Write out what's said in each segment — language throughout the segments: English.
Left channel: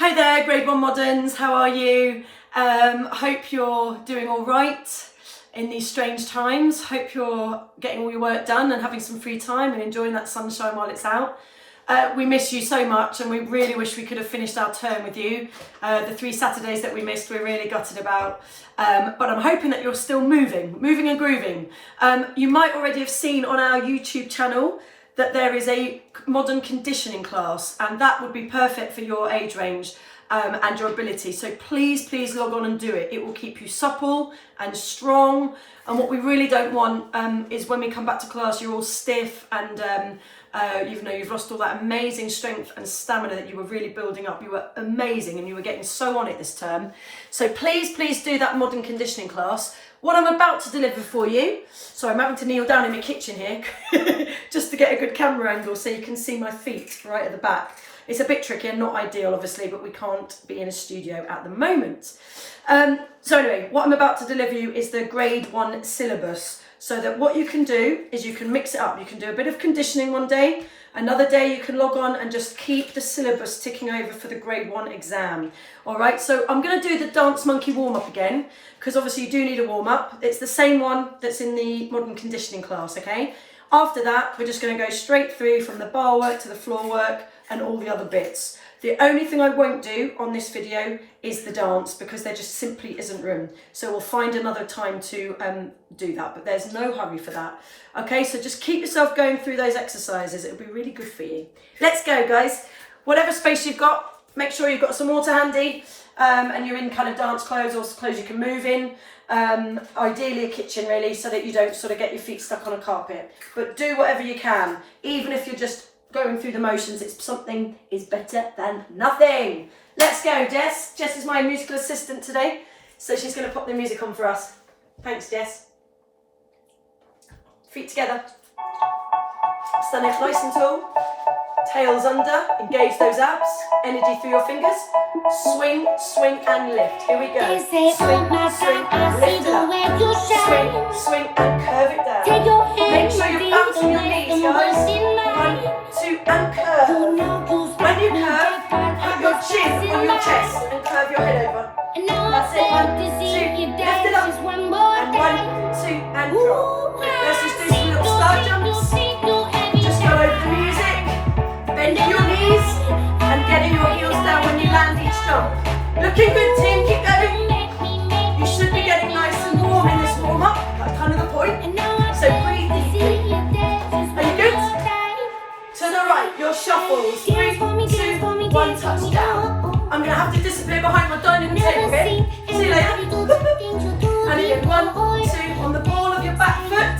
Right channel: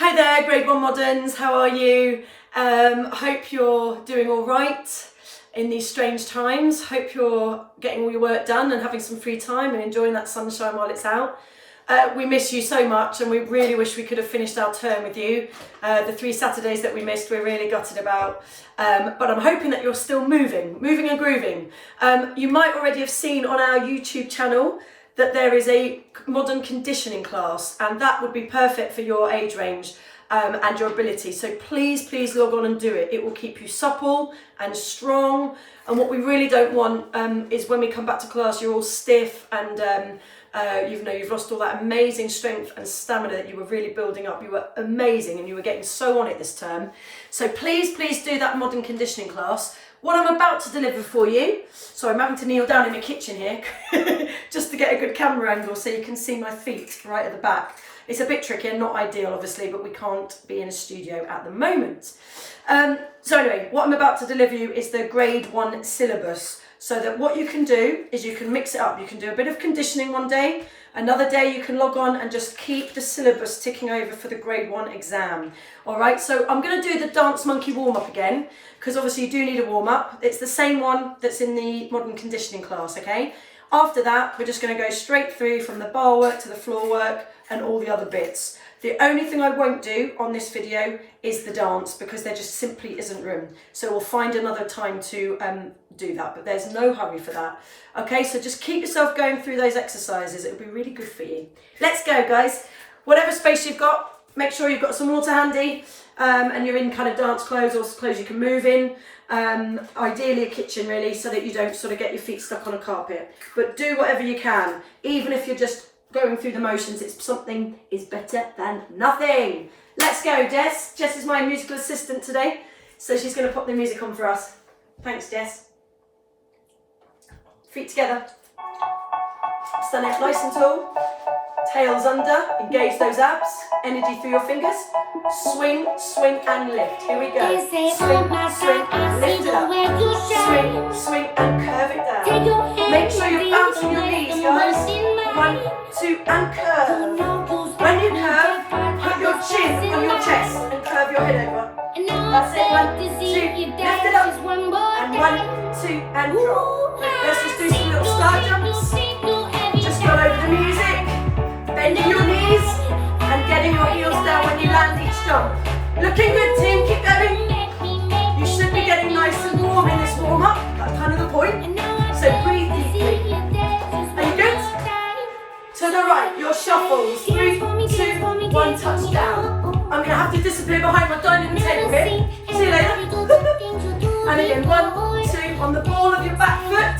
Hi there, Grade 1 Moderns, how are you? Hope you're doing all right in these strange times. Hope you're getting all your work done and having some free time and enjoying that sunshine while it's out. We miss you so much and we really wish we could have finished our term with you. The 3 Saturdays that we missed, we're really gutted about. But I'm hoping that you're still moving and grooving. You might already have seen on our YouTube channel that there is a modern conditioning class, and that would be perfect for your age range and your ability. So please log on and do it. It will keep you supple and strong. And what we really don't want is when we come back to class, you're all stiff and you've lost all that amazing strength and stamina that you were really building up. You were amazing and you were getting so on it this term. So please do that modern conditioning class. What I'm about to deliver for you, so I'm having to kneel down in my kitchen here just to get a good camera angle so you can see my feet right at the back. It's a bit tricky and not ideal obviously, but we can't be in a studio at the moment. So anyway, what I'm about to deliver you is the grade 1 syllabus. So that what you can do is you can mix it up. You can do a bit of conditioning one day, another day you can log on and just keep the syllabus ticking over for the grade 1 exam. All right, so I'm going to do the dance monkey warm up again, because obviously you do need a warm up. It's the same one that's in the modern conditioning class, okay? After that, we're just going to go straight through from the bar work to the floor work and all the other bits. The only thing I won't do on this video is the dance, because there just simply isn't room. So we'll find another time to do that, but there's no hurry for that. Okay, so just keep yourself going through those exercises. It'll be really good for you. Let's go, guys. Whatever space you've got, make sure you've got some water handy and you're in kind of dance clothes or clothes you can move in. Ideally a kitchen really, so that you don't sort of get your feet stuck on a carpet. But do whatever you can, even if you're just going through the motions. It's something is better than nothing. Let's go, Jess. Jess is my musical assistant today, so she's going to pop the music on for us. Thanks, Jess. Feet together. Stand up nice and tall. Tails under. Engage those abs. Energy through your fingers. Swing, swing and lift. Here we go. Swing, swing, lift it up. Swing, swing and curve it down. Make sure you're bouncing your knees, guys. 1, 2 and curve. When you curve, put your chin on your chest and curve your head over. That's it. 1, 2, lift it up. And 1, 2 and drop. Let's just do some little side jumps. Just go over the music, bending your knees and getting your heels down when you land each jump. Looking good, team. Keep going. You should be getting nice and warm in this warm up. That's kind of the point. So breathe deeply. Are you good? To the right, your shuffles. 3, 2, 1, touchdown. I'm going to have to disappear behind my dining room table here. See you later. And again, 1, 2, on the ball of your back foot.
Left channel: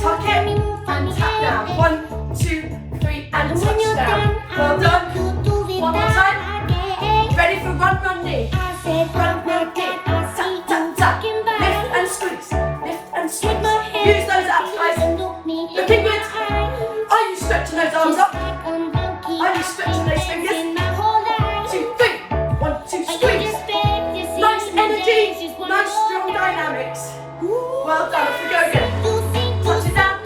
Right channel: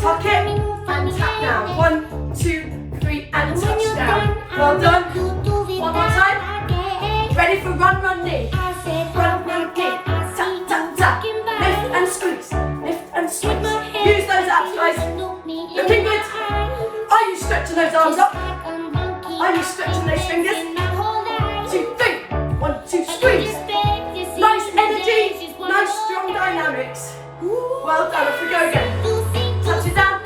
Tuck it and tap down. 1, 2, 3, and touchdown. Well done. One more time. Ready for run knee. Run knee. Tap, tap, tap. Lift and squeeze. Lift and squeeze. Use those abs, guys. Looking good. Are you stretching those arms up? Are you stretching those fingers? 2, 3. 1, 2, squeeze. Nice energy. Nice strong dynamics. Well done. Off we go again. Touch it down.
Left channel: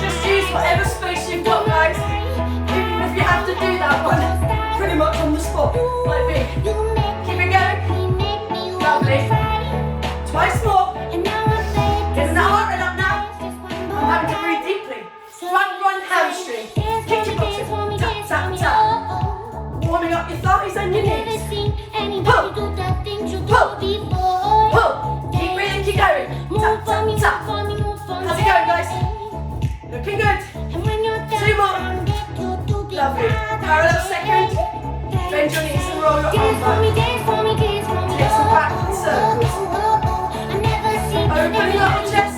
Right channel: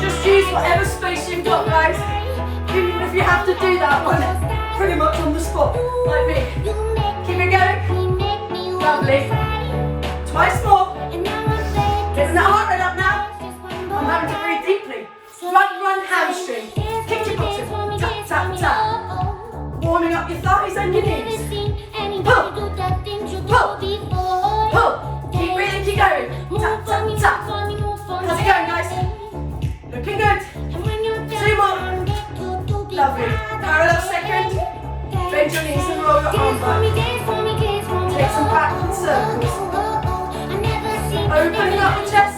Just use whatever space you've got, guys. Even if you have to do that one pretty much on the spot, like me. Keep it going. Lovely. Twice more. Getting that heart rate up now. I'm having to breathe deeply. Run hamstring. Kick your bottom. Tap, tap, tap. Warming up your thighs and your knees. Pull. Pull. Pull. Keep breathing, keep going. Tap, tap, tap. How's it going, guys? Looking good. 2 more. Lovely. Parallel second. Bend your knees and roll your arms back. Take some backward circles. Opening up the chest.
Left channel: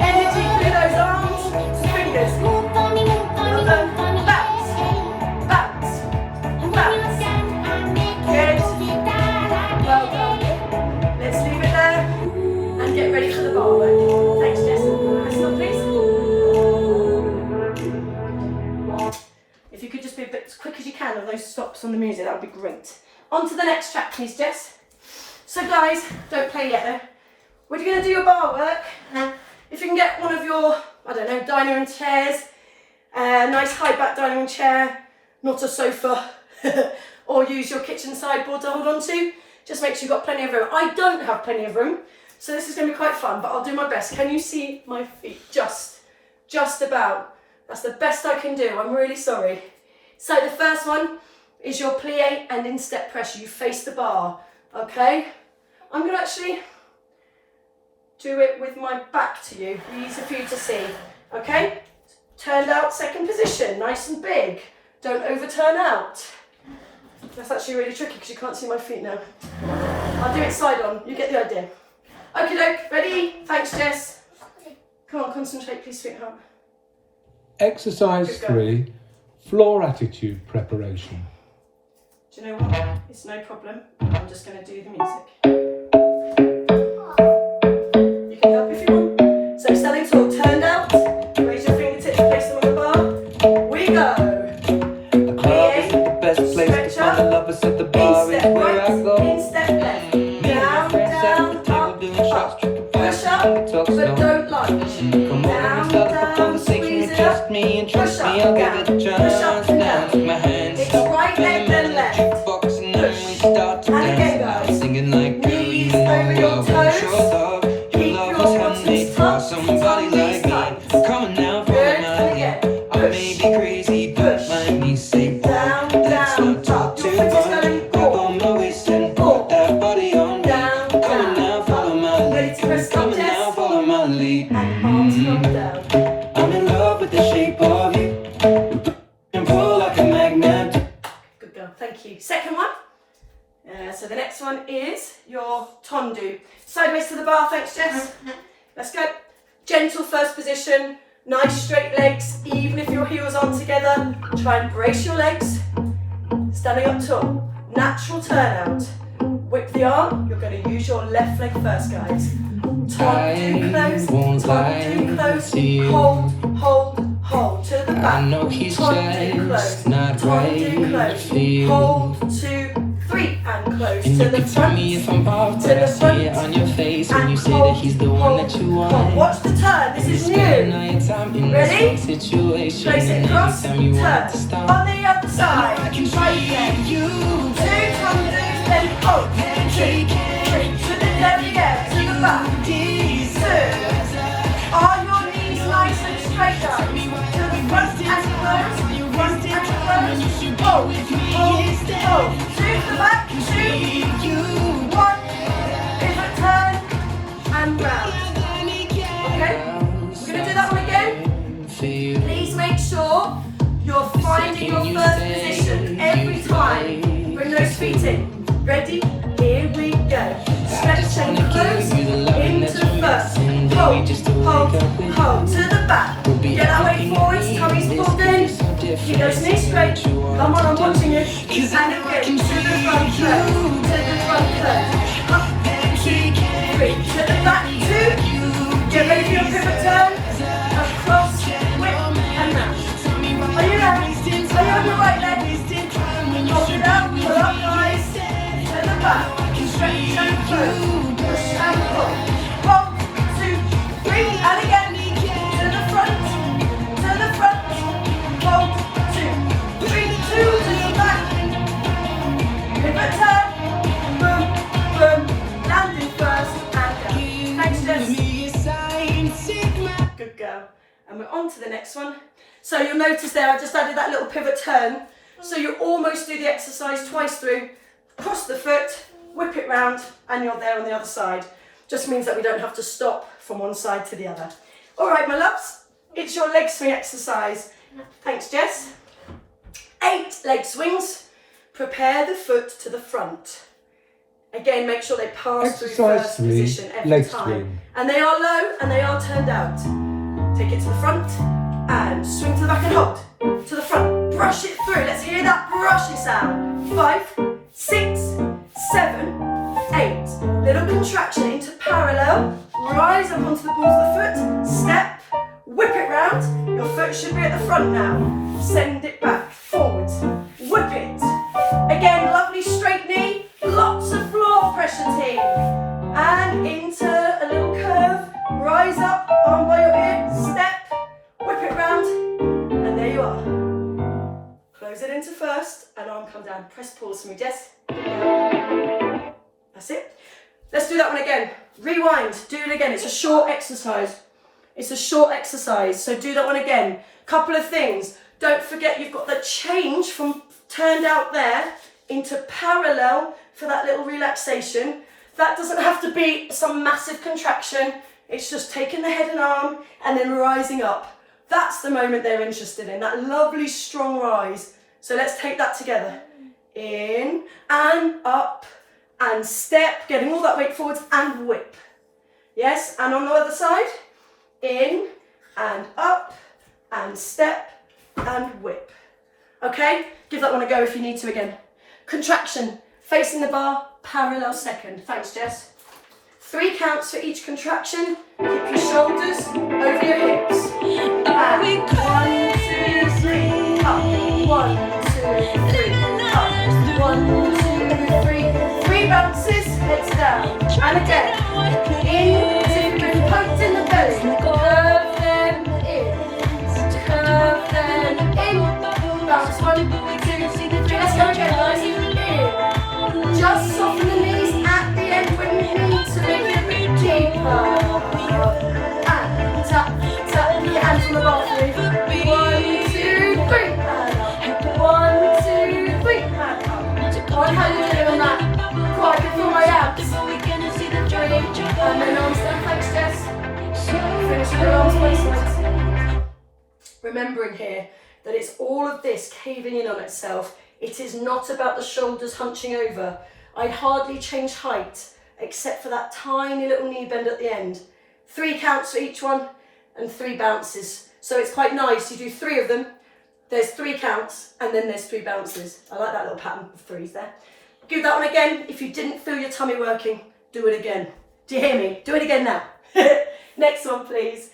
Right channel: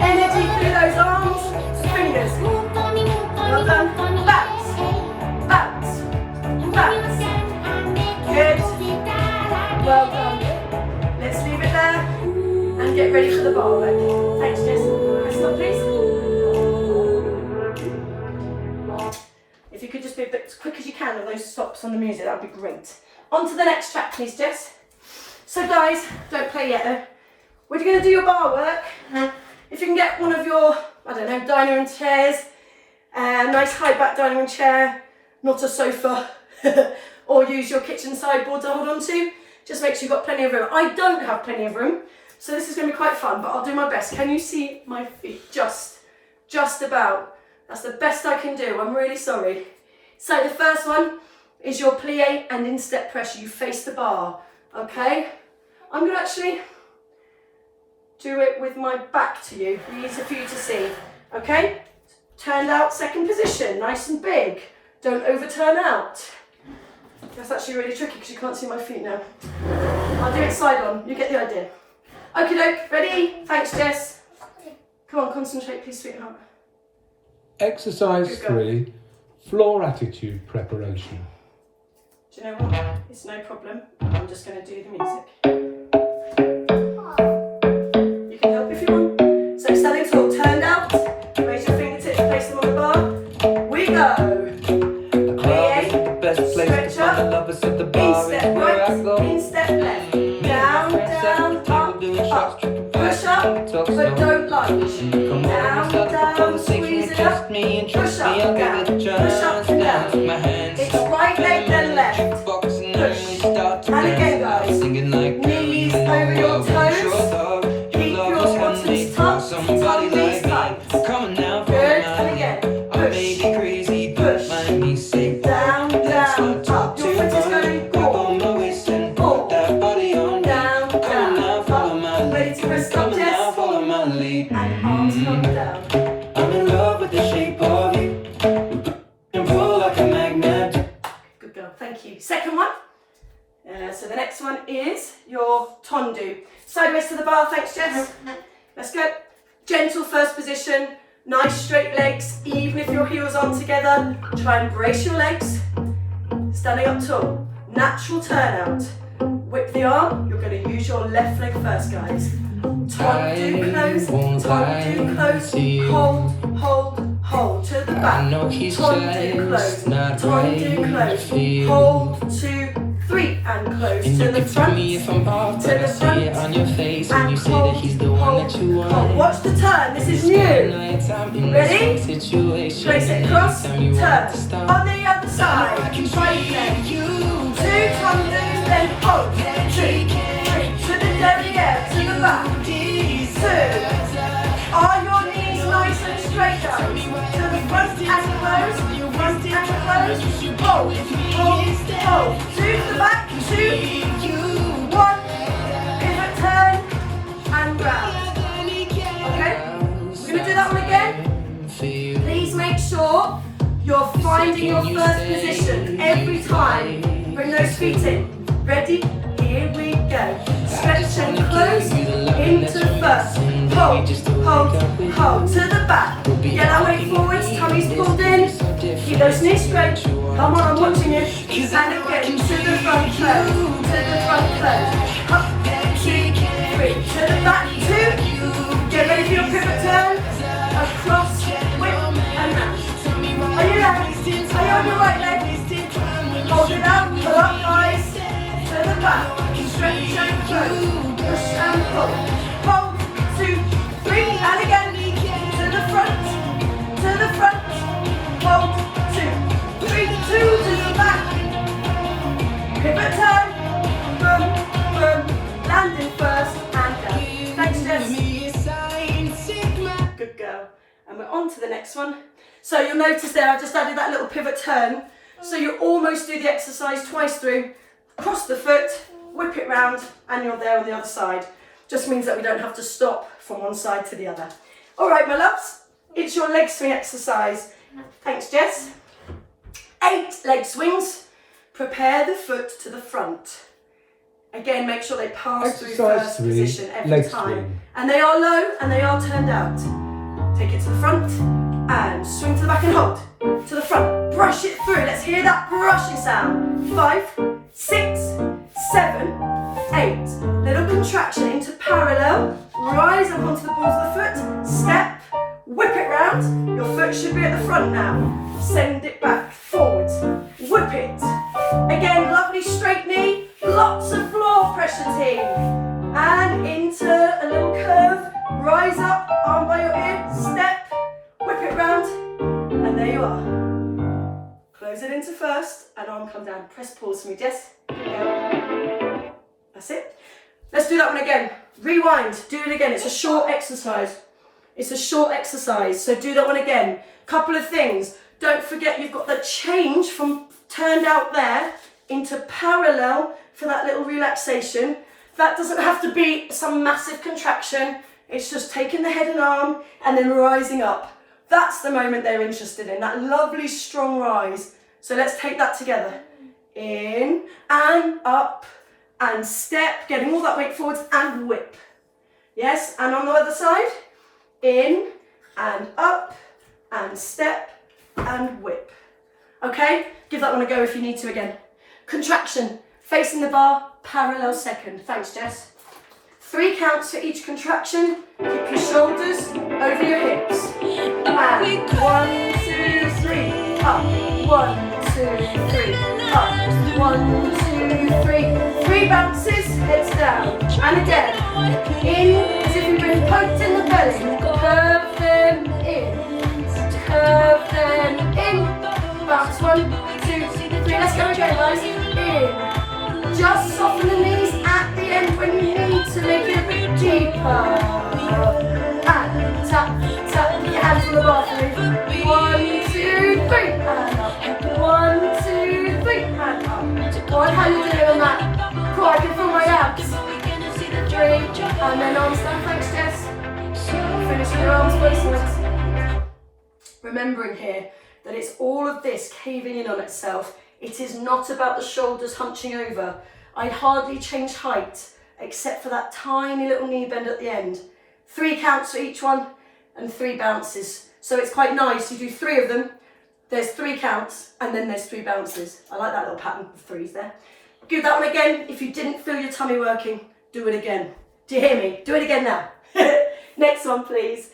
Energy through those arms. Fingers. Well done. Backs. Backs. Backs. Good. Well done. Let's leave it there and get ready for the bar work. Thanks, Jess. Nice one, please. If you could just be a bit as quick as you can with those stops on the music, that would be great. On to the next track, please, Jess. So, guys, don't play yet, though. We're going to do your bar work. If you can get one of your, I don't know, dining room chairs, a nice high back dining room chair, not a sofa, or use your kitchen sideboard to hold on to. Just make sure you've got plenty of room. I don't have plenty of room, so this is going to be quite fun, but I'll do my best. Can you see my feet? Just about. That's the best I can do. I'm really sorry. So the first one is your plie and instep pressure. You face the bar, okay? I'm going to actually do it with my back to you. Easy for you to see, okay? Turned out second position, nice and big. Don't overturn out. That's actually really tricky because you can't see my feet now. I'll do it side on, you get the idea. Okie doke, ready? Thanks, Jess. Come on, concentrate, please, sweetheart. Exercise 3, floor attitude preparation. Do you know what? It's no problem. I'm just going to do the music. You can help if you want. So standing tall, turned out. Raise your fingertips, place them on the bar. We go. Stretch up. Instep right, instep left. Down, down, up, up. Push up, but don't lunge. Down, squeeze it up. Push up, down. Push up and down. It's right leg then left. Push. And again, guys. Knees over your toes. Keep your bottoms tucked. Toes tight. Good. And again. Push. Push. Down, down, up. Your foot is going forward. Forward. Down, down, up. Ready to press up, Jess. And arms come down. I'm in love with the shape of you. And pull like a magnet. Good girl, thank you. Second one. So the next one is your tondu. Sideways to the bar, thanks Jess. Let's go. Gentle first position, nice straight legs, even if your heels aren't together. Try and brace your legs. Standing up tall, natural turnout. Whip the arm, you're going to use your left leg first, guys. Tondu close, tondu close, hold, hold, hold to the back. Tondu close, tondu close, hold, 2, 3, and close to the front, to the front, and hold, hold, hold. Watch the turn, this is new. Ready? Trace it across, turn. On the other side, right leg. 2 tondus, then hold. 2, 3, to the derriere, to the back. 2. Are your knees nice and straight, guys? To the front and close, front and close. Hold, hold, hold. 2 to the back, 2, 1. Pivot, turn, and round. Okay? We're going to do that one again. Please make sure you're finding your first position every time. Bring those feet in. Ready? Here we go. Stretch and close into first. Hold, hold, hold to the back. Get that weight forwards, tummy's pulled in. Keep those knees straight. Come on, I'm watching you. And again, to the front close. To the front close. Up, 2, 3. To the back, 2. Get ready for your pivot turn. Across, whip, and round. Are you there? Are you on your right leg? Hold it up, pull up, guys. To the back, stretch and close, push and pull. Hold, 2, 3, and again. To the front, hold, 2, 3, 2 to the back. Pivot turn, boom, boom, landing first and down. Thanks, Jess. Good girl. And we're on to the next one. So you'll notice there I just added that little pivot turn. So you almost do the exercise twice through. Cross the foot, whip it round, and you're there on the other side. Just means that we don't have to stop from one side to the other. All right, my loves, it's your leg swing exercise. Thanks, Jess. 8 leg swings. Prepare the foot to the front. Again, make sure they pass through first position every time. And they are low and they are turned out. Take it to the front and swing to the back and hold. To the front, brush it through. Let's hear that brushing sound. 5, 6, 7, 8. Little contraction into parallel. Rise up onto the balls of the foot. Step, whip it round. Your foot should be at the front now. Send it back, forwards. Whip it. Again, lovely straight knee. Lots of floor pressure, team. And into a little curve. Rise up, arm by your ear. Step, whip it round. And there you are. Close it in into first and arm come down. Press pause for me, Jess. Down. That's it. Let's do that one again. Rewind, do it again. It's a short exercise. It's a short exercise, so do that one again. Couple of things. Don't forget you've got the change from turned out there into parallel for that little relaxation. That doesn't have to be some massive contraction. It's just taking the head and arm and then rising up. That's the moment they're interested in, that lovely strong rise. So let's take that together. In and up and step, getting all that weight forwards and whip. Yes, and on the other side, in and up and step and whip. Okay, give that one a go if you need to again. Contraction, facing the bar, parallel second. Thanks, Jess. 3 counts for each contraction. Keep your shoulders over your hips. And 1, 2, 3, up. 1, 2, 3, up. 1, 2, 3. 3 bounces, heads down. And again, in as if you've been poked in the belly. Curve them in. Curve them in. Bounce 1, 2, 3. Let's go again, guys. In. Just soften the knees at the end when you need to make it a bit deeper. And tap, tap, your hands on the bar for me. 1, 2, 3, and up. 1, 2, 3, and up. One, how you doing on that? Cool, I can feel my abs. 3, and then arms down. Thanks, Jess. Finish your arms both sides. Remembering here that it's all of this caving in on itself. It is not about the shoulders hunching over. I hardly change height, except for that tiny little knee bend at the end. 3 counts for each one, and 3 bounces. So it's quite nice, you do 3 of them, there's 3 counts, and then there's 3 bounces. I like that little pattern of 3s there. Do that one again. If you didn't feel your tummy working, do it again. Do you hear me? Do it again now. Next one, please.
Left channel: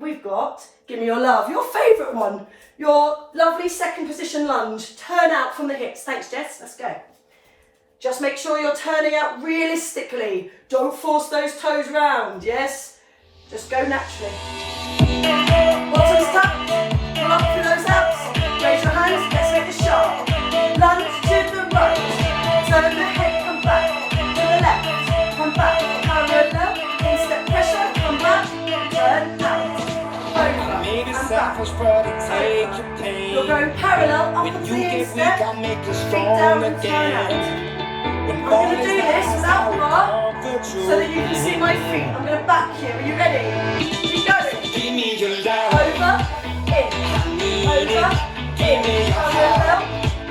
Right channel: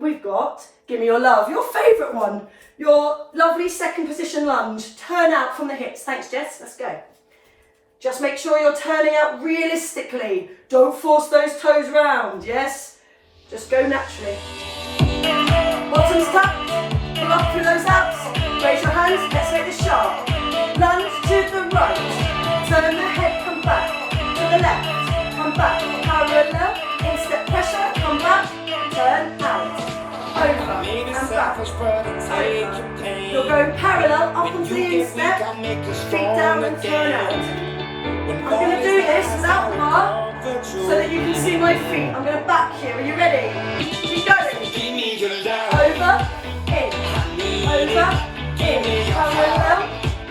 We've got, give me your love, your favourite one. Your lovely second position lunge. Turn out from the hips. Thanks, Jess. Let's go. Just make sure you're turning out realistically. Don't force those toes round, yes? Just go naturally. Bottoms tucked. Come up through those abs. Raise your hands. Let's make it sharp. Lunge to the right. Turn the head. Come back. To the left. Come back. Parallel. Instep pressure. Come back. Turn out. Over and back. Over. You'll go parallel up onto the instep. Feet down and turn out. I'm going to do this without the bar so that you can see my feet. I'm going to back here. Are you ready? Keep going. Over, in, parallel,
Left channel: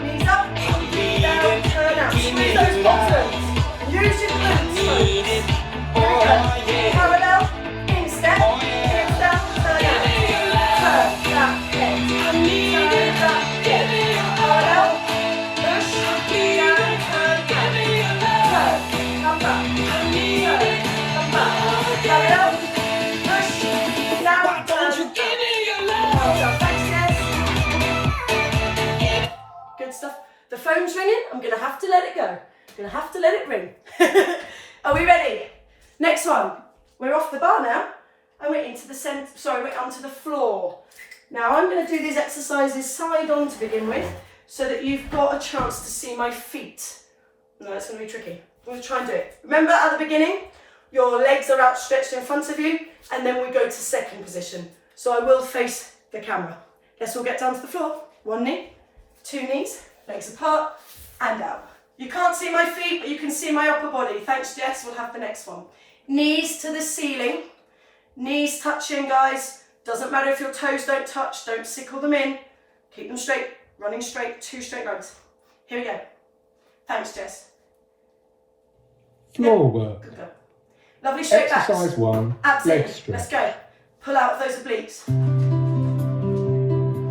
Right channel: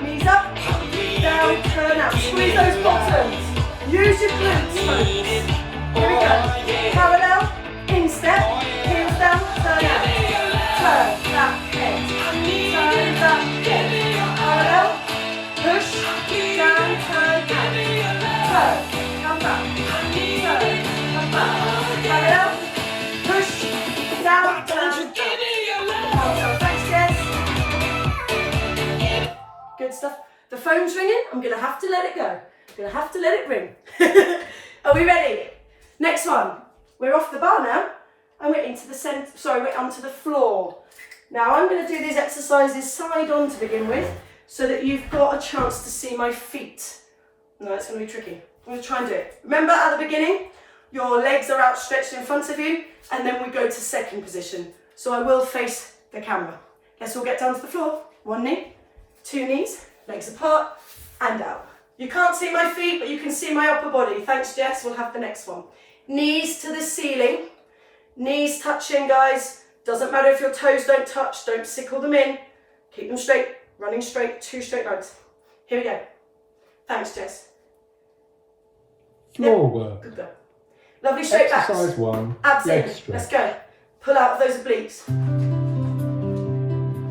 knees up, down, turn out. Squeeze those bottoms. Use your glutes, folks. Here we go. Parallel, instep, heels down, turn out. Turn that head. Turn that head. Parallel, push, down, turn out. Turn, come back. Turn, come back. Parallel, push, down, turn out. Well done. Thanks, Jess. Good stuff. The phone's ringing. I'm going to have to let it go. I'm going to have to let it ring. Are we ready? Next one. We're off the bar now. And we're into the centre. Sorry, we're onto the floor. Now I'm going to do these exercises side on to begin with, so that you've got a chance to see my feet. No, it's going to be tricky. We'll try and do it. Remember at the beginning, your legs are outstretched in front of you, and then we go to second position. So I will face the camera. Let's all get down to the floor. 1 knee, 2 knees, legs apart, and out. You can't see my feet, but you can see my upper body. Thanks, Jess. We'll have the next one. Knees to the ceiling. Knees touching, guys. Doesn't matter if your toes don't touch. Don't sickle them in. Keep them straight. Running straight. 2 straight legs. Here we go. Thanks, Jess. Floor work. Good go. Lovely straight backs. Exercise 1. Abs in. Leg stretch. Let's go. Pull out of those obliques.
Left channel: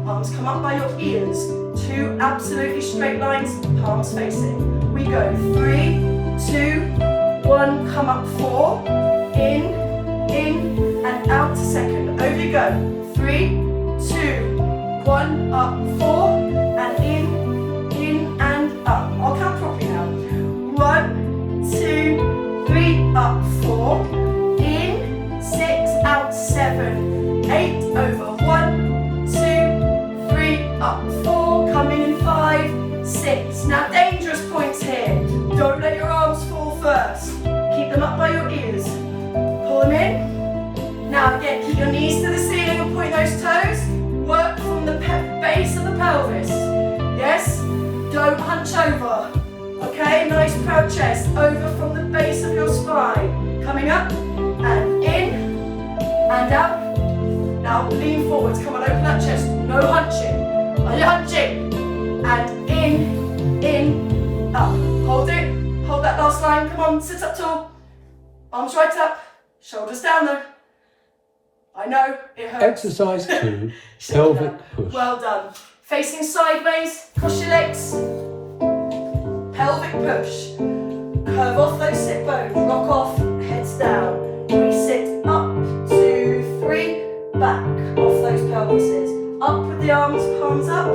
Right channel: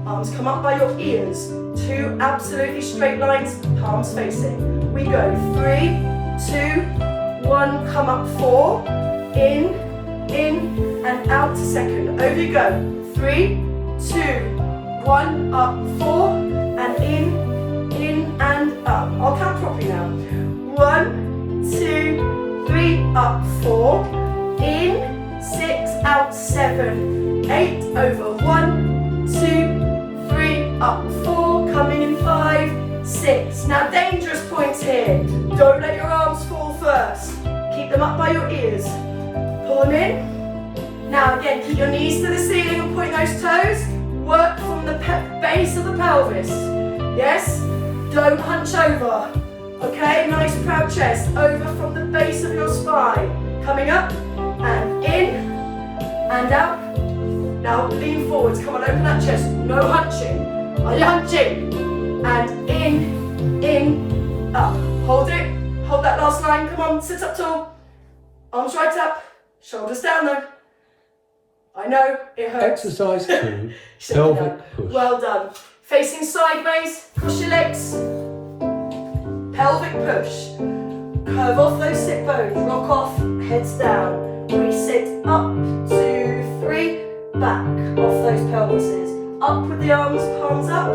Arms come up by your ears. 2 absolutely straight lines. Palms facing. We go 3, 2, 1. Come up 4. In, and out to second. Over you go. 3, 2, 1. Up 4 and in and up. I'll count properly now. 1, 2, 3. Up 4. In 6. Out 7. 8. Over 1, 2, 3. Up 4. Coming in 6. Now dangerous points here. Don't let your arms fall first. Keep them up by your ears. Pull them in. Now again, keep your knees to the ceiling and point those toes. Work from the base of the pelvis. Yes? Don't hunch over. Okay, nice proud chest. Over from the base of your spine. Coming up and in and out. Now lean forwards. Come on, open that chest. No hunching. Are you hunching? And in, up. Hold it. Hold that last line. Come on, sit up tall. Arms right up. Shoulders down though. I know, it hurts. Exercise 2, pelvic push. Well done. Facing sideways, cross your legs. Pelvic push. Curve off those sit bones. Rock off, heads down. Resit up, 2, 3. Back off those pelvises. Up with the arms, palms up.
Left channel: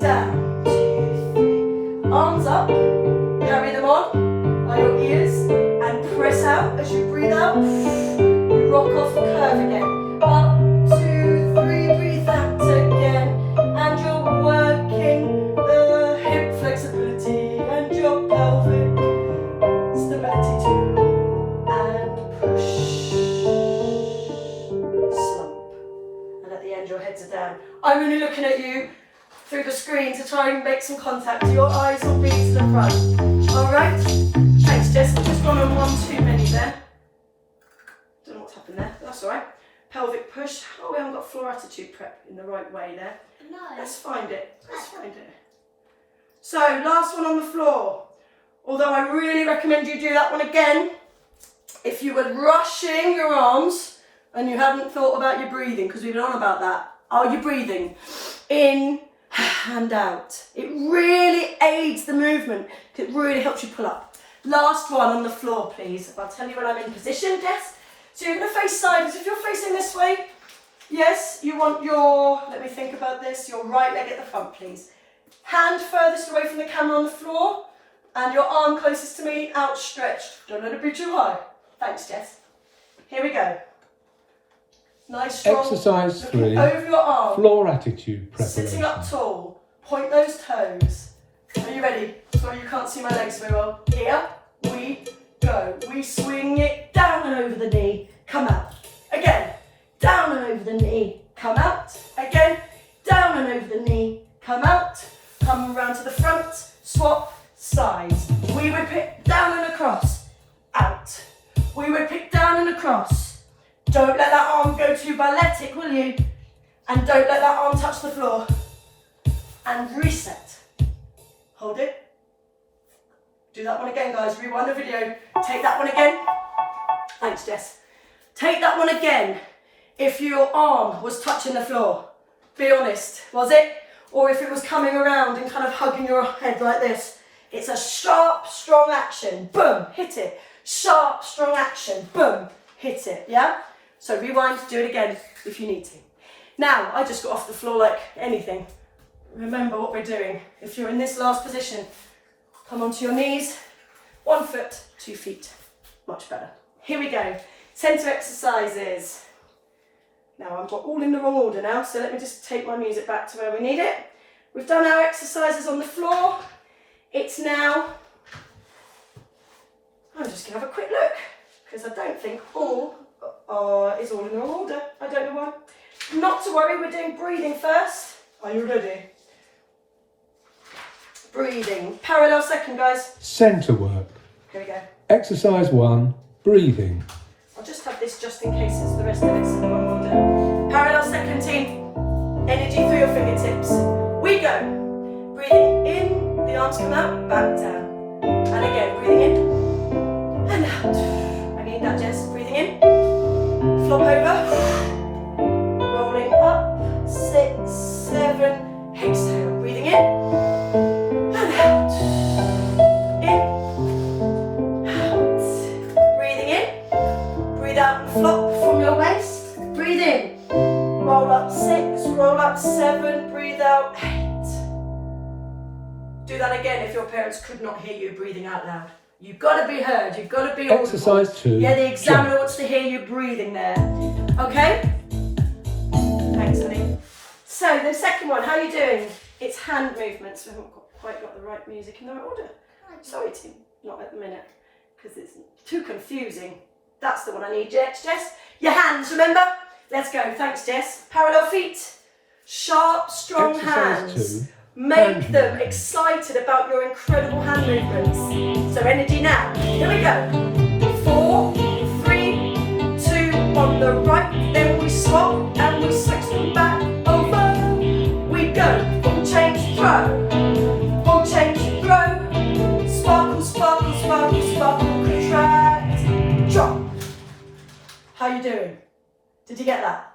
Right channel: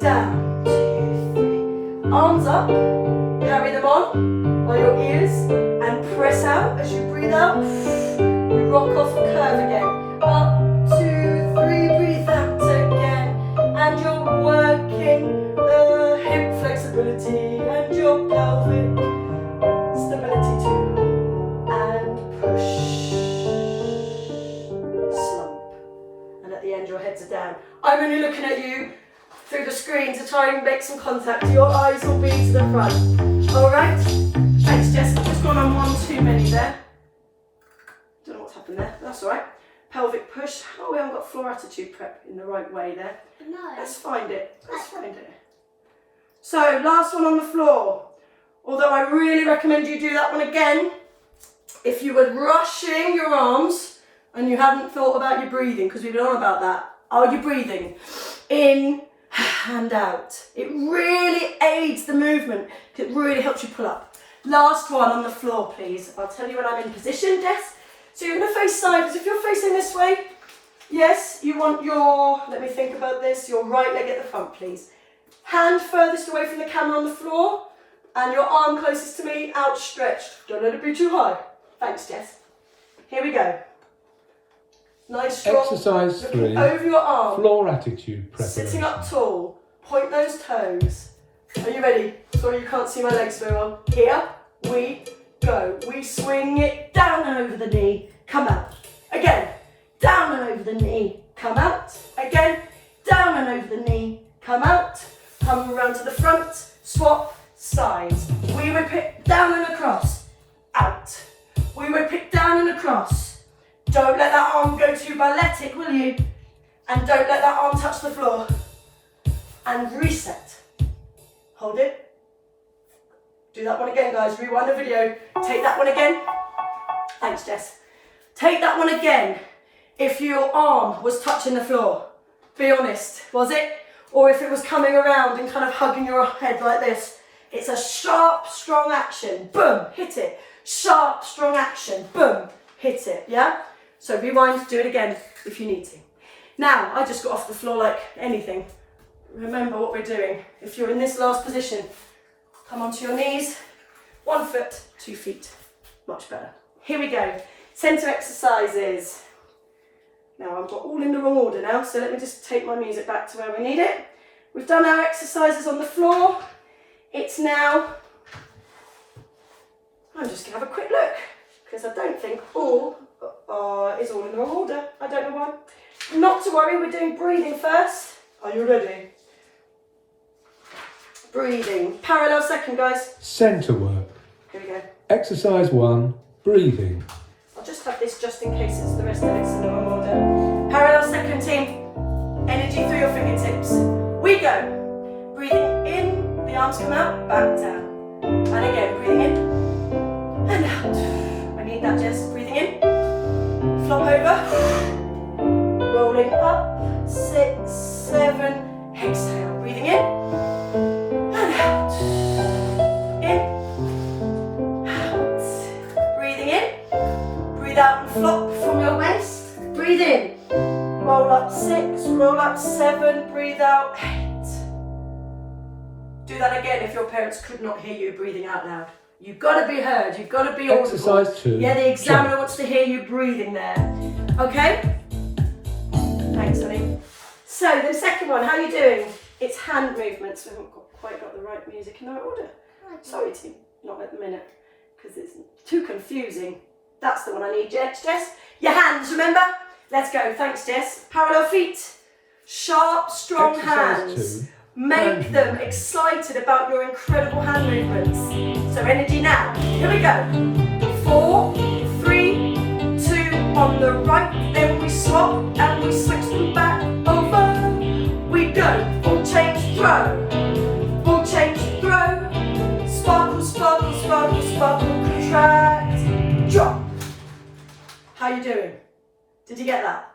Down, 2, 3. Arms up. Carry them on by your ears. And press out as you breathe out. You rock off and curve again. Up, 2, 3, breathe out again. And you're working the hip flexibility and your pelvic stability too. And push. Slump. And at the end your heads are down. I'm only looking at you through the screen to try and make some contact. Your eyes will be to the front. Alright? Thanks Jess, just gone on one too many there. Don't know what's happened there, but that's alright. Pelvic push. Oh, we haven't got floor attitude prep in the right way there. No. Let's find it. Let's find it. So, last one on the floor. Although I really recommend you do that one again. If you were rushing your arms and you hadn't thought about your breathing, because we've been on about that. Are you breathing? In and out. It really aids the movement. It really helps you pull up. Last one on the floor, please. I'll tell you when I'm in position, Jess. So you're going to face sideways. If you're facing this way, yes, you want your, let me think about this, your right leg at the front, please. Hand furthest away from the camera on the floor, and your arm closest to me, outstretched. Don't let it be too high. Thanks, Jess. Here we go. Nice, strong. Exercise 3, over your arm. floor attitude preparation. Sitting up tall. Point those toes. Are you ready? Sorry, you can't see my legs very well. Here we go. We swing it down and over the knee. Come out. Again. Down and over the knee. Come out. Again. Down and over the knee. Come out. Come around to the front. Swap sides. We whip it down and across. Out. We whip it down and across. Don't let that arm go too balletic, will you? And don't let that arm touch the floor. And reset. Hold it. Do that one again, guys. Rewind the video. Take that one again. Thanks, Jess. Take that one again. If your arm was touching the floor, be honest, was it? Or if it was coming around and kind of hugging your head like this. It's a sharp, strong action. Boom, hit it. Sharp, strong action. Boom, hit it. Yeah? So rewind, do it again if you need to. Now, I just got off the floor like anything. Remember what we're doing. If you're in this last position, come onto your knees. 1 foot, 2 feet. Much better. Here we go. Centre exercises. Now I've got all in the wrong order now, so let me just take my music back to where we need it. We've done our exercises on the floor. It's now, I'm just going to have a quick look, because I don't think all is all in the wrong order. I don't know why. Not to worry, we're doing breathing first. Are you ready? Breathing. Parallel second, guys. Centre work. Here we go. Exercise 1, breathing. I'll just have this just in case it's the rest of it's in the wrong order. Parallel second, team. Energy through your fingertips. We go. Breathing in, the arms come out, back down. And again, breathing in and out. I need that, Jess. Breathing in. Flop over. Rolling up. 6, 7. Exhale. Breathing in and out. In. Out. Breathing in. Breathe out and flop from your waist. Breathe in. Roll up 6, roll up 7, breathe out 8. Do that again if your parents could not hear you breathing out loud. You've got to be heard, you've got to be audible. Exercise 2. Yeah, the examiner wants to hear you breathing there. Okay? Thanks, honey. So, the second one, how are you doing? It's hand movements. We haven't got quite got the right music in the right order. Sorry, team, not at the minute, because it's too confusing. That's the one I need, Jess. Your hands, remember? Let's go. Thanks, Jess. Parallel feet. Sharp, strong Exercise hands. 2. Make them excited about your incredible hand movements. So energy now. Here we go. 4, 3, 2, on the right. Then we swap and we switch them back over. We go. Full change, throw. Full change, throw. Sparkle, sparkle, sparkle, sparkle, contract. Drop. How you doing? Did you get that?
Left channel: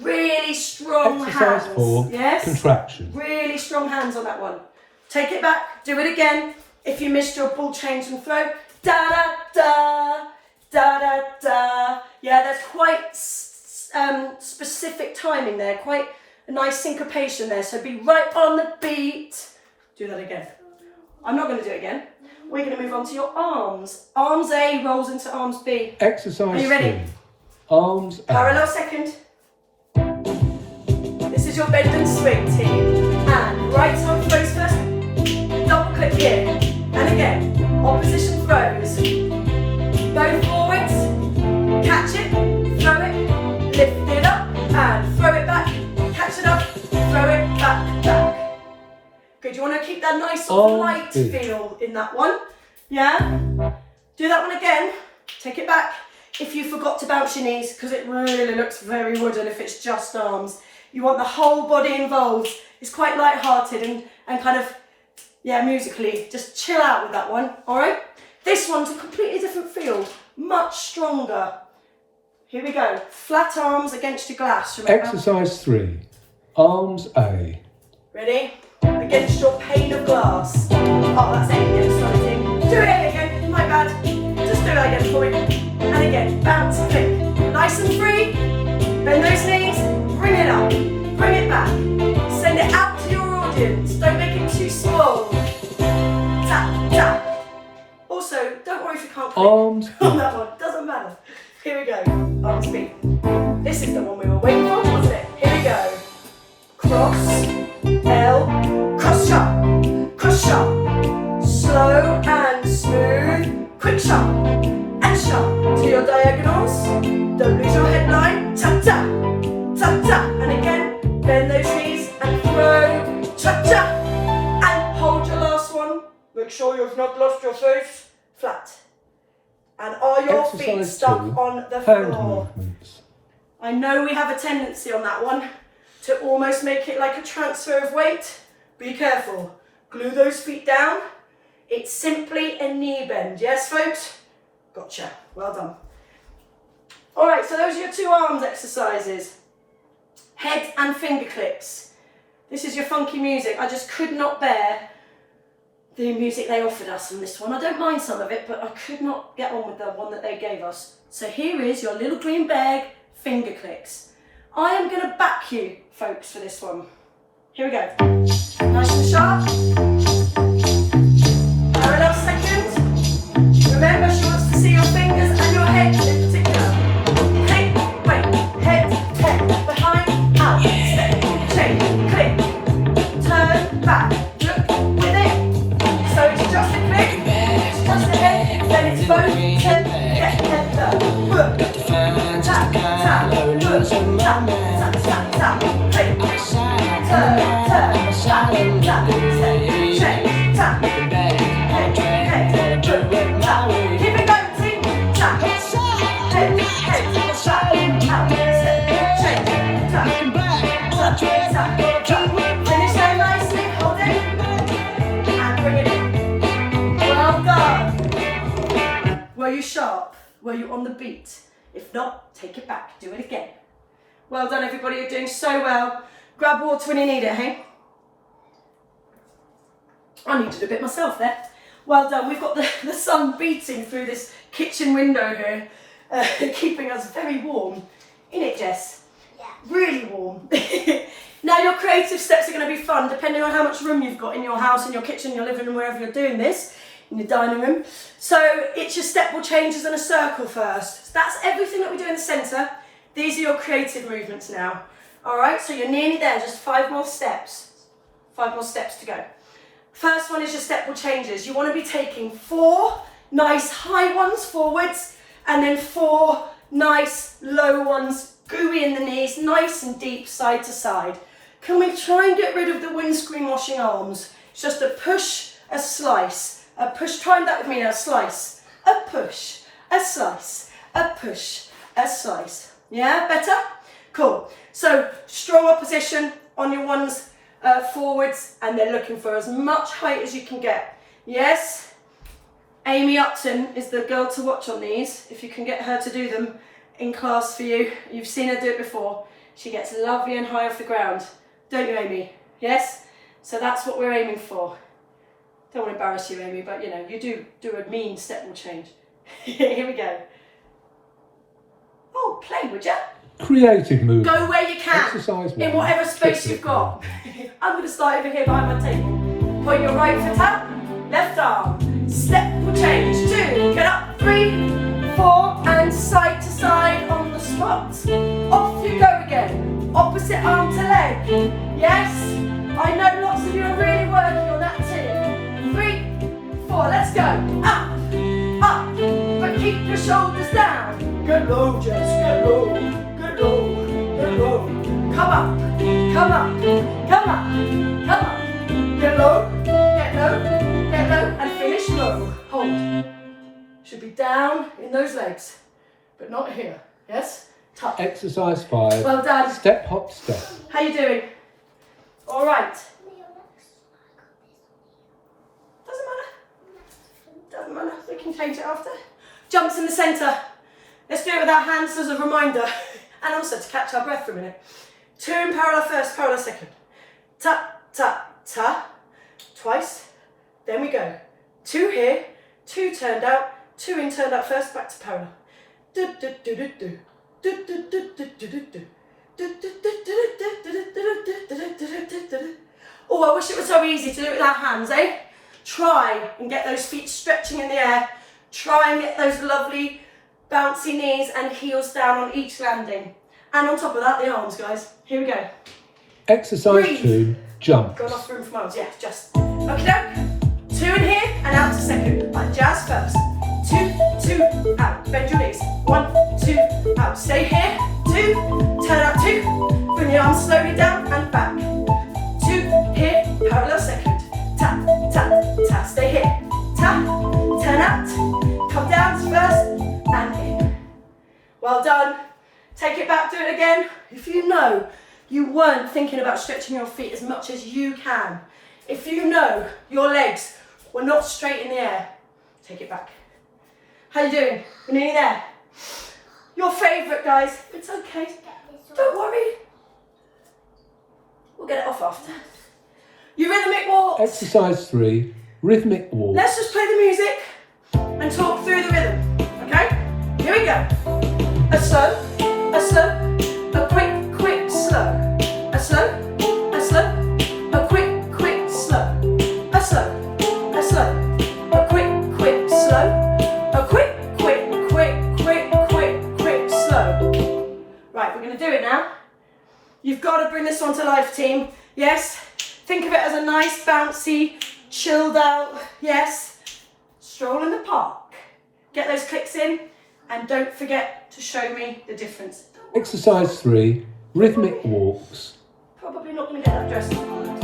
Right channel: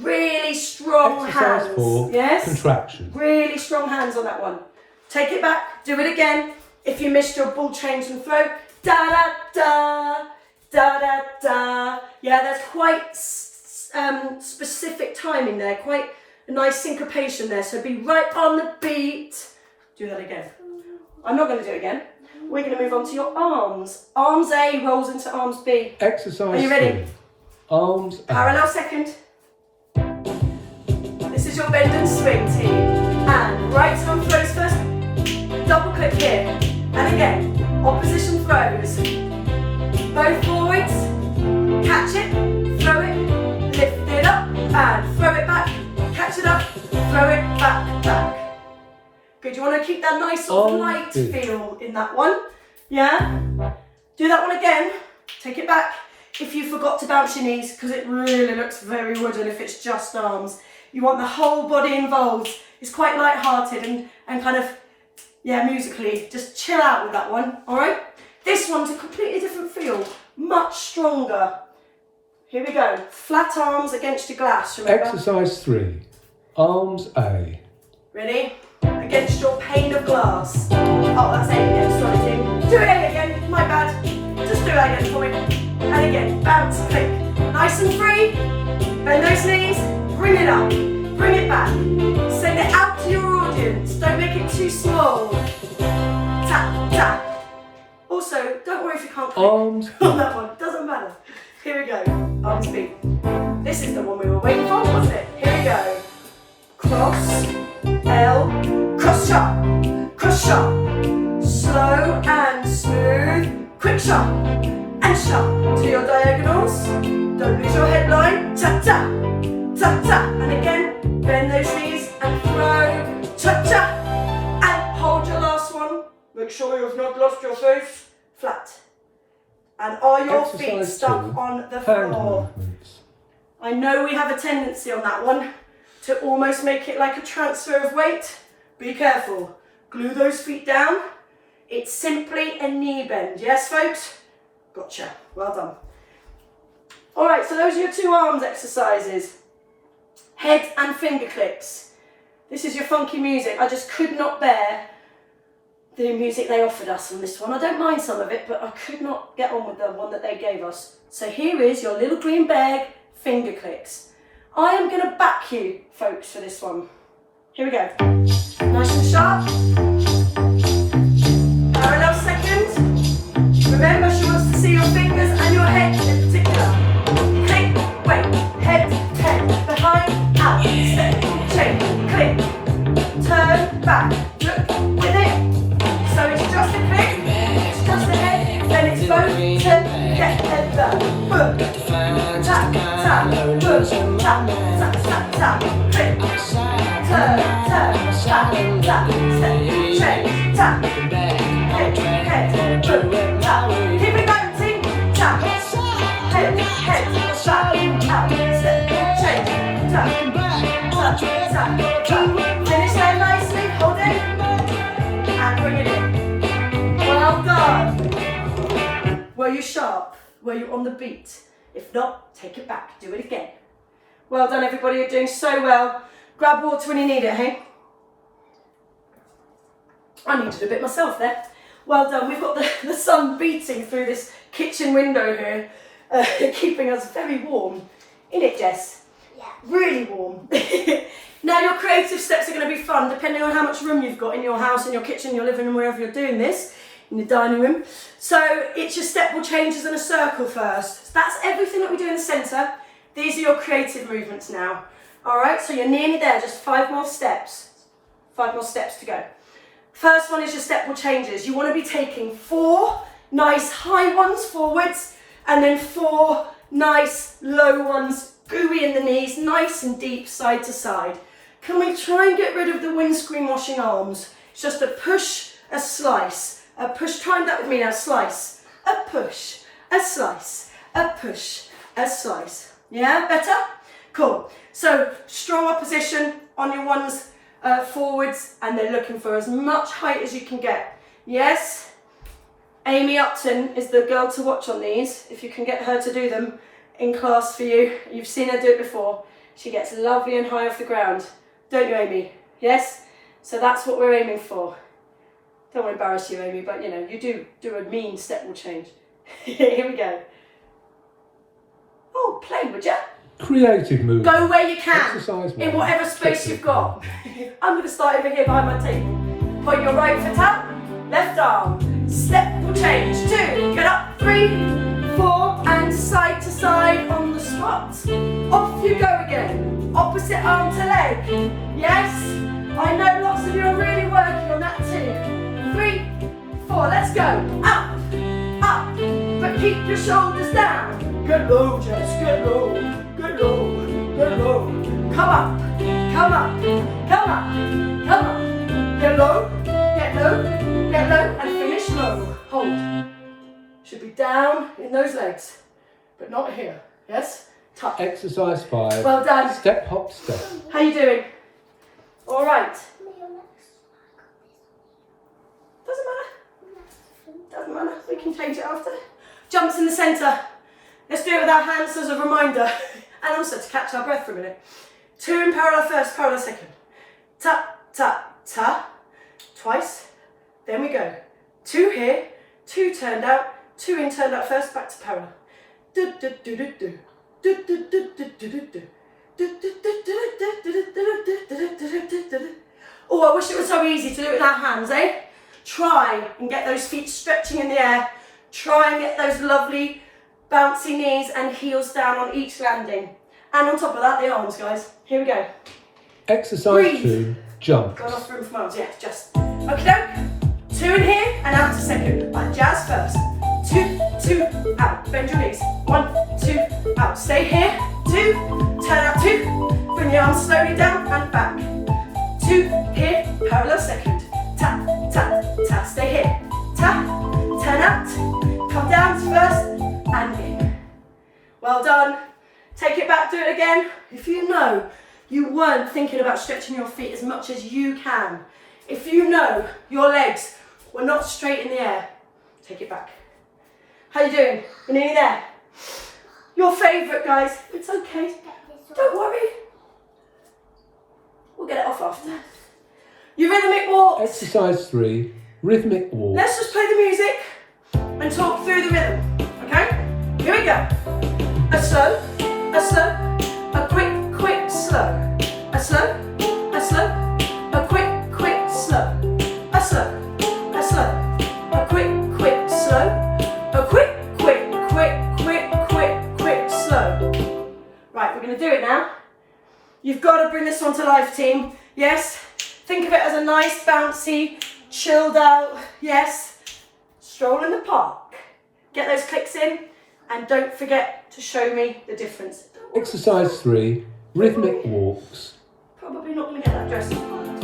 Really strong Exercise hands. 4. Yes? Contraction. Really strong hands on that one. Take it back. Do it again. If you missed your bull change and throw. Da da da. Da da da. Yeah, there's quite specific timing there. Quite a nice syncopation there. So be right on the beat. Do that again. I'm not going to do it again. We're going to move on to your arms. Arms A rolls into arms B. Exercise Are you ready? 3. Arms A. Parallel second. This is your bend and swing team. And right arm throws first. Double click here. And again, opposition throws. Both forwards. Catch it, throw it, lift it up, and throw it back. Catch it up, throw it back, back. Good, you want to keep that nice sort of light feel in that one. Yeah? Do that one again. Take it back. If you forgot to bounce your knees, because it really looks very wooden if it's just arms. You want the whole body involved. It's quite light-hearted and kind of, yeah, musically. Just chill out with that one, all right? This one's a completely different feel, much stronger. Here we go. Flat arms against your glass, remember? Exercise 3. Arms A. Ready? Against your pane of glass. Oh, that's A again, sorry, team. Do it A again, my bad. Just do it again for me. And again, bounce, click. Nice and free. Bend those knees. Bring it up. Bring it back. Send it out to your audience. Don't make it too small. Tap, tap. Also, don't worry if you can't click Arms on that one. Doesn't matter. Here we go. Arms B. This is the one we were waiting for, wasn't it? Here we go. Cross. L. Cross shot. Cross shot. Slow and smooth. Quick shot. And shot to your diagonals. Don't lose your headline. Tap, tap. Tap, tap. And again, bend those knees and throw. Tap, tap. And hold your last one. Make sure you've not lost your face. Flat. And are your feet Exercise stuck 2. on the Hand floor? movements. I know we have a tendency on that one to almost make it like a transfer of weight. Be careful. Glue those feet down. It's simply a knee bend. Yes, folks? Gotcha. Well done. All right, so those are your 2 arms exercises. Head and finger clicks. This is your funky music. I just could not bear the music they offered us on this one. I don't mind some of it, but I could not get on with the one that they gave us. So here is your little green bag finger clicks. I am going to back you, folks, for this one. Here we go. Nice and sharp. Parallel second. Remember, she wants to see your fingers and your head in particular. Click, wait, head, behind, out, step, change, click, turn, back, look, within. So it's just a click, it's just a head, then it's both, turn, get, head, turn, boom, tap, tap, boom, tap, tap, tap, tap, click, turn, tap, tap, step, change, tap, head, boom, tap, keep it going, team, tap, head, tap, out, step, change, tap, tap, tap, tap, finish there nicely, hold it, and bring it in. Well done. Were you sharp? Were you on the beat? If not, take it back, do it again. Well done everybody, you're doing so well. Grab water when you need it, hey? I needed a bit myself there. Well done, we've got the sun beating through this kitchen window here, keeping us very warm. In it, Jess? Yeah. Really warm. Now your creative steps are going to be fun, depending on how much room you've got in your house, in your kitchen, your living room, wherever you're doing this, in your dining room. So it's your step will changes in a circle first. So that's everything that we do in the centre. These are your creative movements now. All right, so you're nearly there, just 5 more steps. 5 more steps to go. First one is your step will changes. You want to be taking 4 nice high ones forwards and then 4 nice low ones, gooey in the knees, nice and deep side to side. Can we try and get rid of the windscreen washing arms? It's just a push, a slice, a push. Try that with me now. Slice, a push, a slice, a push, a slice. Yeah, better? Cool. So strong opposition on your ones forwards, and they're looking for as much height as you can get. Yes? Amy Upton is the girl to watch on these. If you can get her to do them in class for you. You've seen her do it before. She gets lovely and high off the ground. Don't you, Amy? Yes? So that's what we're aiming for. Don't want to embarrass you, Amy, but you know, you do a mean step will change. Here we go. Oh, play, would you? Creative movement. Go where you can, Exercise in whatever space you've got. I'm going to start over here behind my table. Put your right foot up, left arm. Step will change. 2, get up, 3, 4, and side to side on the spot. Off you go again. Opposite arm to leg. Yes? I know lots of you are really working on that too. 3, 4, let's go. Up, up, but keep your shoulders down. Get low, Jess, get low, get low, get low. Come up, come up, come up, come up. Get low, get low, get low, and finish low. Hold. Should be down in those legs, but not here. Yes? Touch. Exercise 5. Well done. Step, hop, step. How you doing? All right. Doesn't matter. Doesn't matter. We can change it after. Jumps in the centre. Let's do it with our hands as a reminder, and also to catch our breath for a minute. 2 in parallel first, parallel second. Ta, ta, ta. Twice. Then we go. 2 here, 2 turned out, 2 in, turned out first, back to parallel. Do, do, do, do, do. Do, do, do, do, do, do, do. Oh, I wish it was so easy to do it with our hands, eh? Try and get those feet stretching in the air. Try and get those lovely bouncy knees and heels down on each landing. And on top of that, the arms, guys. Here we go. Exercise Breathe. 2. Jump. Got enough room for arms, yeah, just. Okay, 2 in here and out to second. Like jazz first. 2, 2, out. Bend your knees. 1, 2, out. Stay here. 2, turn out 2. Bring your arms slowly down and back. 2 here, parallel second. Tap, tap, tap. Stay here. Tap, turn out. Come down first and in. Well done. Take it back, do it again. If you know you weren't thinking about stretching your feet as much as you can, if you know your legs were not straight in the air, take it back. How you doing? We're nearly there. Your favourite, guys. It's okay. Don't worry. We'll get it off after. Your rhythmic walks. Exercise 3. Rhythmic walk. Let's just play the music and talk through the rhythm. Okay? Here we go. A slow, a quick, quick, slow. A slow, a quick, quick, slow. A slow, a quick, quick, slow. A quick, quick, quick, quick, quick, quick, slow. Right, we're going to do it now. You've got to bring this one to life, team. Yes? Think of it as a nice, bouncy, chilled out, yes, stroll in the park. Get those clicks in, and don't forget to show me the difference. Exercise 3. Rhythmic walks. Probably not going to get that dress to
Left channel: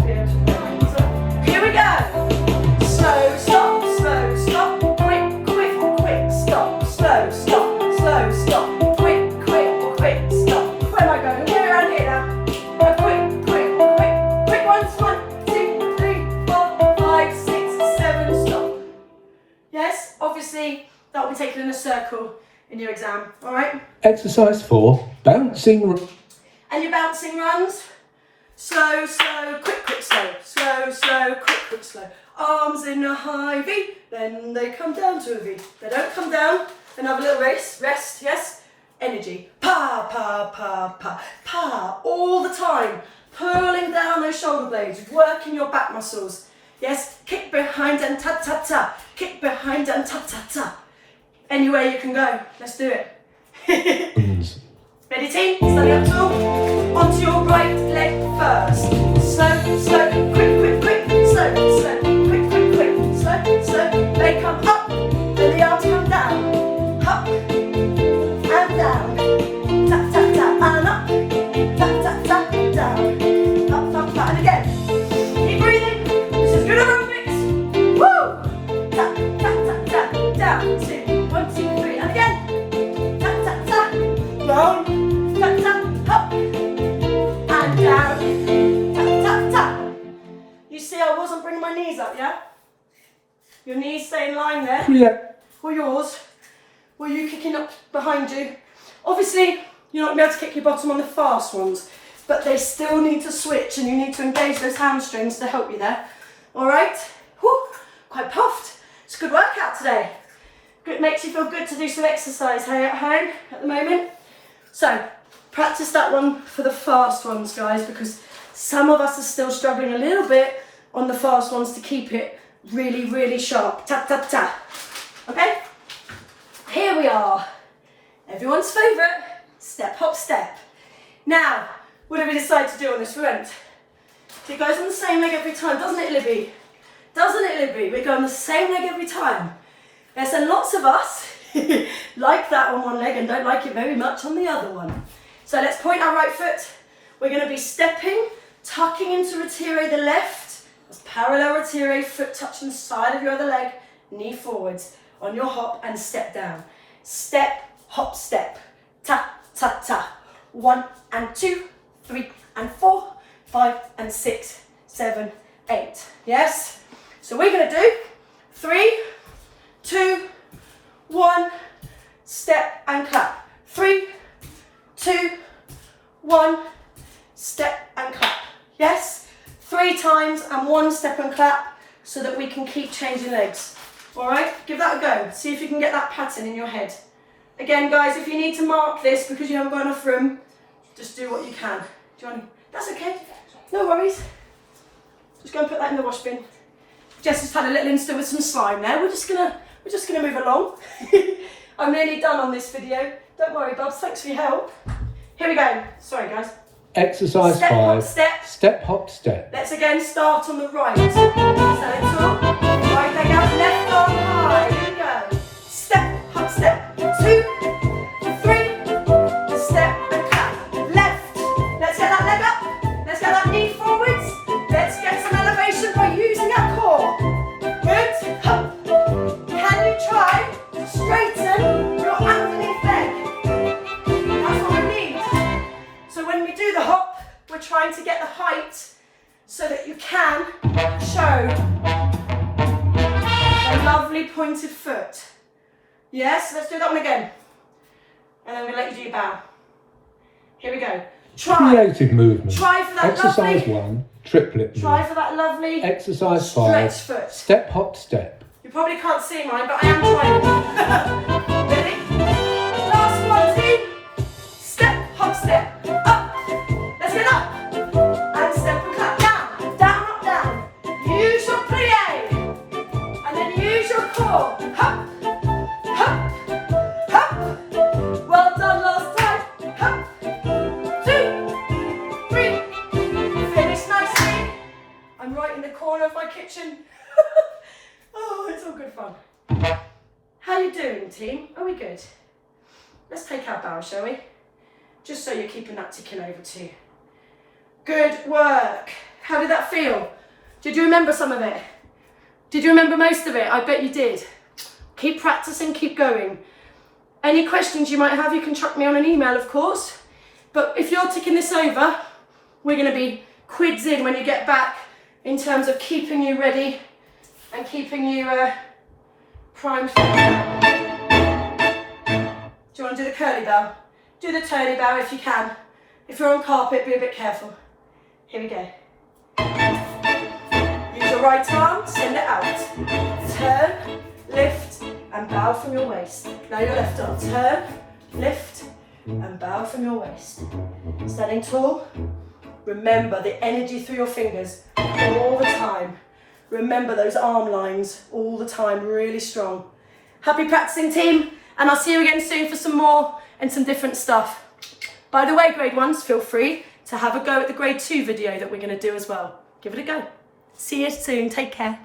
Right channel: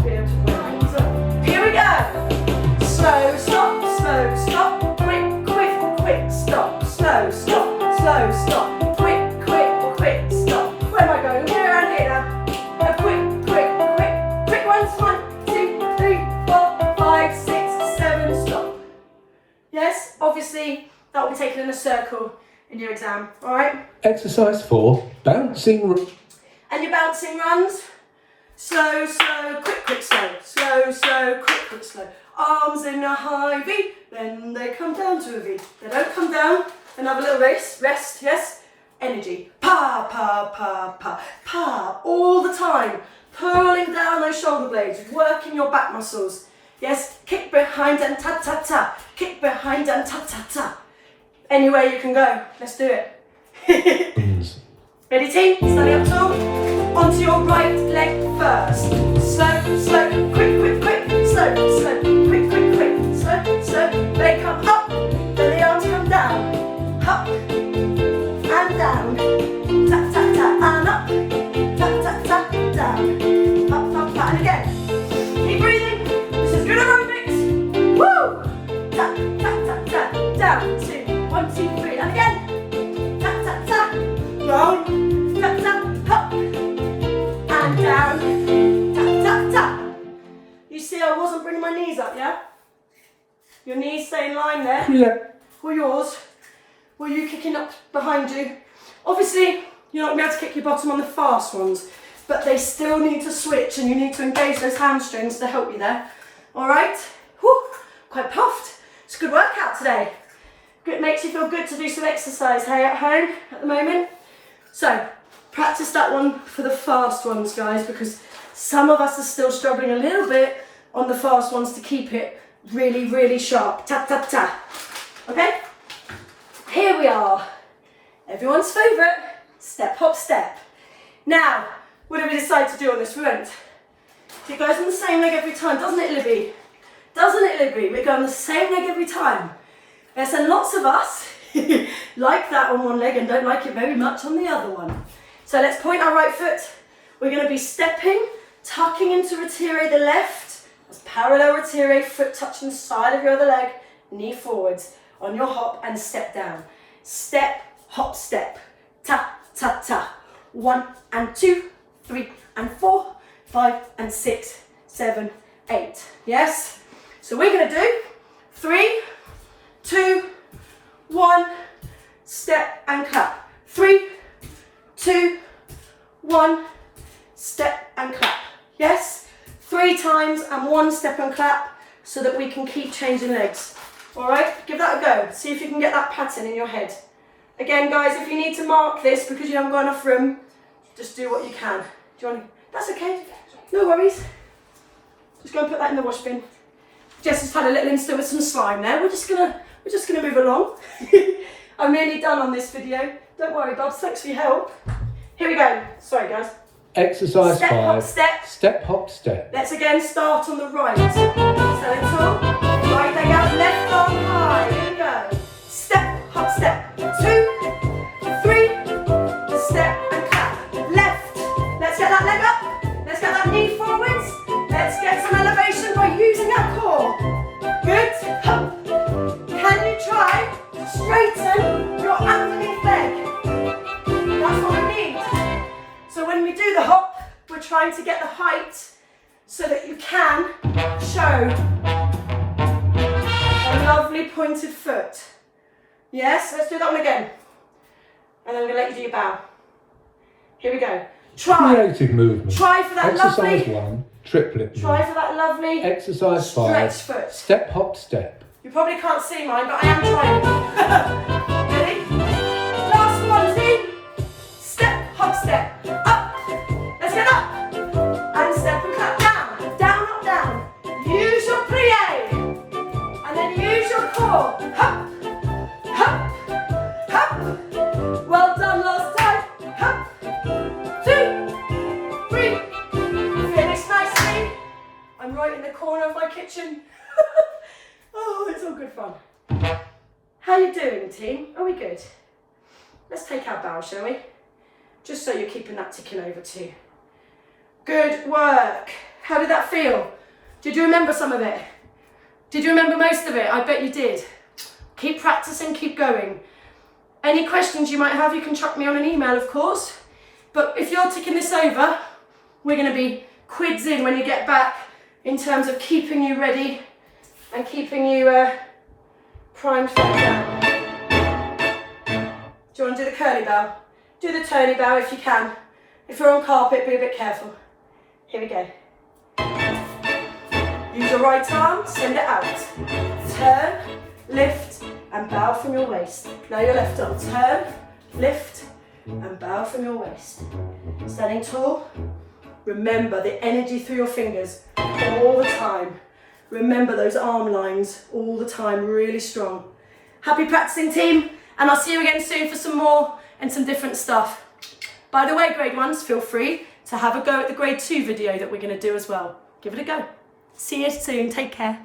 be able to run. So, here we go. Slow, stop, slow, stop. Quick, quick, quick, stop. Slow, stop, slow, stop. Quick, quick, quick, stop. Where am I going? We're around here now. A quick, quick, quick, quick ones. 1, 2, 3, 4, 5, 6, 7, stop. Yes, obviously that will be taken in a circle in your exam, all right? Exercise 4. Bouncing. And your bouncing runs. Slow, slow, quick, quick, slow. Slow, slow, quick, quick, slow. Arms in a high V, then they come down to a V. They don't come down. Another little rest, yes? Energy. Pa, pa, pa, pa, pa. All the time. Pulling down those shoulder blades, working your back muscles. Yes? Kick behind and ta-ta-ta. Kick behind and ta-ta-ta. Anywhere you can go. Let's do it. Ready, team? Standing up tall. Onto your right leg first. Slow, slow, quick, quick, quick. Slow, slow. Good aerobics. Woo! Tap, tap, tap, tap. Down, 2, 1, 2, 3. And again. Tap, tap, tap. Roll. Tap, tap, hop. And down. Tap, tap, tap. You see, I wasn't bringing my knees up, yeah? Your knees stay in line there. Yeah. For yours. Were you kicking up behind you? Obviously, you're not going to be able to kick your bottom on the fast ones, but they still need to switch and you need to engage those hamstrings to help you there. All right? Whew, quite puffed. It's a good workout today. It makes you feel good to do some exercise, hey, at home at the moment. So, practice that one for the fast ones, guys, because some of us are still struggling a little bit on the fast ones to keep it really, really sharp. Tap, tap, tap. Okay? Here we are. Everyone's favourite, step, hop, step. Now, what did we decide to do on this? We went, it goes on the same leg every time, doesn't it, Libby? Doesn't it, Libby? We go on the same leg every time. Yes, and lots of us like that on one leg and don't like it very much on the other one. So let's point our right foot. We're going to be stepping, tucking into retire the left. That's parallel retire, foot touching the side of your other leg, knee forwards on your hop and step down. Step, hop, step. Ta, ta, ta. 1 and 2, 3 and 4, 5 and 6, 7, 8. Yes? So we're going to do 3, 2, 1, step and clap. 3, 2, 1, step and clap. Yes? 3 times and 1 step and clap so that we can keep changing legs. All right? Give that a go. See if you can get that pattern in your head. Again, guys, if you need to mark this because you haven't got enough room, just do what you can. Do you want? That's okay. No worries. Just go and put that in the wash bin. Jess has had a little insta with some slime there. We're just gonna move along. I'm nearly done on this video. Don't worry, Bobs. Thanks for your help. Here we go. Sorry, guys. Exercise Step, 5. hop, step. Step, hop, step. Let's again start on the right. So tall. Right leg out, left arm high. Here we go. Step, hop, step. 2, 3. Step and clap. Left. Let's get that leg up. Let's get that knee forwards. Let's get some elevation by using our core. Good. Hop. Can you try to straighten your underneath leg? That's what we need. So when we do the hop, we're trying to get the height so that you can show a lovely pointed foot. Yes, let's do that one again. And then I'm going to let you do your bow. Here we go. Try. Creative movement. Try for that Exercise lovely. 1. Triplet. Try for that lovely Exercise stretch 5. foot. Step, hop, step. You probably can't see mine, but I am trying. Ready? Last one, team. Step, hop, step. Up. Let's get up. And step and clap. Down, down, up, down. Use your plie. And then use your core. Hop, hop, hop. Well done last time. Hop. 2, 3. Finish nicely. I'm right in the corner of my kitchen. Oh, it's all good fun. How you doing, team? Are we good? Let's take our bow, shall we? Just so you're keeping that ticking over too. Good work. How did that feel? Did you remember some of it? Did you remember most of it? I bet you did. Keep practicing, keep going. Any questions you might have, you can chuck me on an email, of course. But if you're ticking this over, we're going to be quids in when you get back in terms of keeping you ready and keeping you primed for exam. Do you want to do the curly bow? Do the turny bow if you can. If you're on carpet, be a bit careful. Here we go. Use your right arm, send it out. Turn, lift, and bow from your waist. Now your left arm. Turn, lift, and bow from your waist. Standing tall. Remember the energy through your fingers all the time. Remember those arm lines all the time, really strong. Happy practicing, team, and I'll see you again soon for some more and some different stuff. By the way, grade 1s, feel free to have a go at the grade 2 video that we're going to do as well. Give it a go. See you soon. Take care.